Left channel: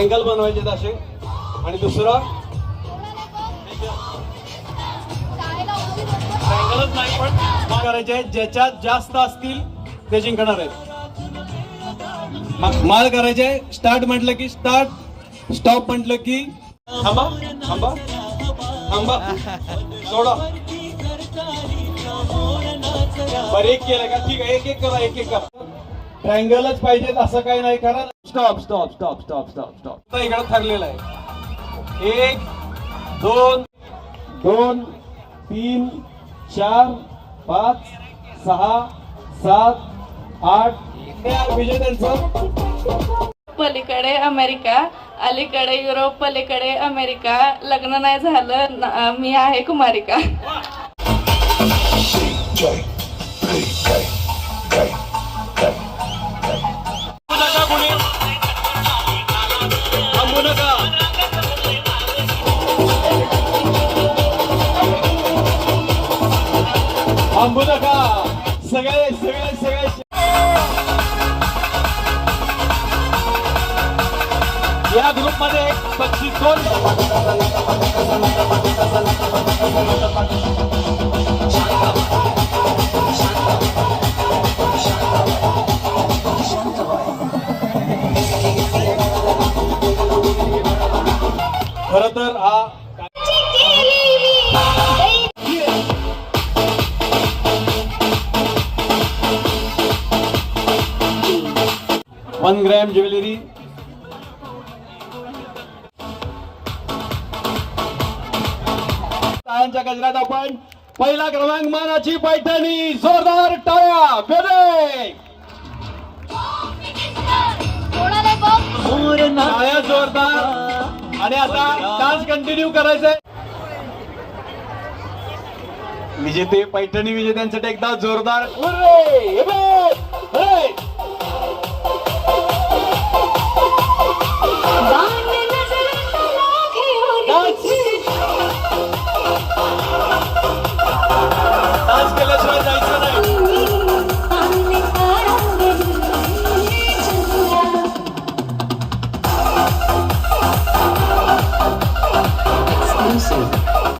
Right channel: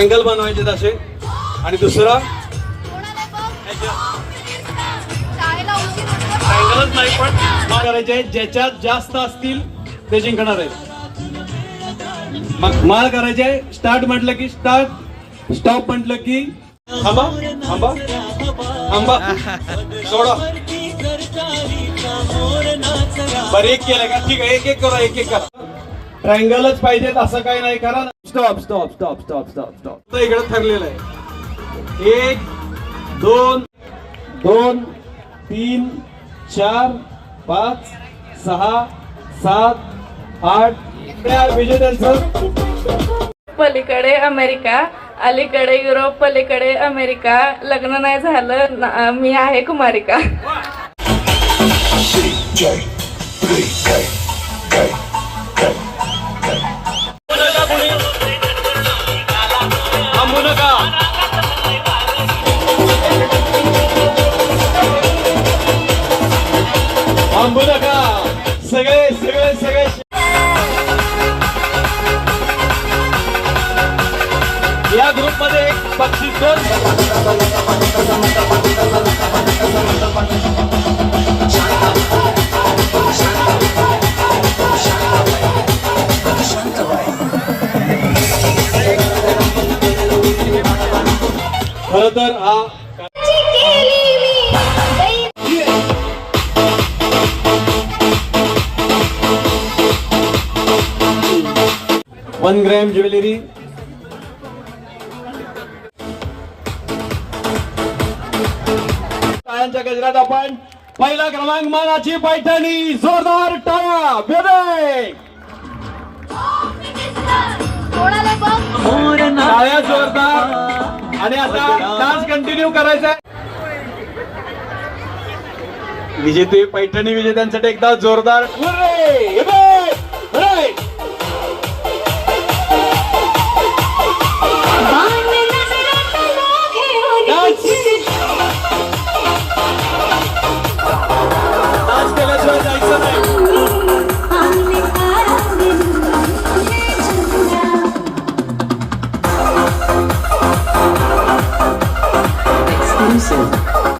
Triangle बनवायचे असे आणि दुसरं? ट्रायंगलच नाही पण करायचे ज्याच्यात जास्त असतील ते जिंकणार आहे माल करायचे स्टार्ट म्हटलं की स्टार्ट स्टॉप म्हटलं की थांबा थांबा. थांबा. सोडा. बरं एक केलं का? ठीक आहे एक एक करा एक एक करा. ट्रायंगलच पाहिजेत असं काही नाही करा stop stop stop stop stop stop इकडे ठरलेलं आहे. एक दोन दोन तीन चार पाच सहा सात आठ. विजेत्यांचं पलीकडे अमेरिका अलीकडे युरोप पलीकडे अमेरिका. लग्न नाही झालं न- मी आहे कुमारिका. थांबू नका सगळे सगळे सगळे या ग्रुप मध्ये एक बक्षीस दोन खर तर हा वन ग्रॅम ज्वेलरी. टाळ्यांच्या गजरात आपण पहिला क्रमांक मानाची पैठणी जोरदार टाळ्या बेबे. टाळ्या जोरदार. आणि आता डान्स कंटिन्यू करायचा विजेते पैठणी विजेत्यांसाठी एकदा जोरदार. हुर्रे!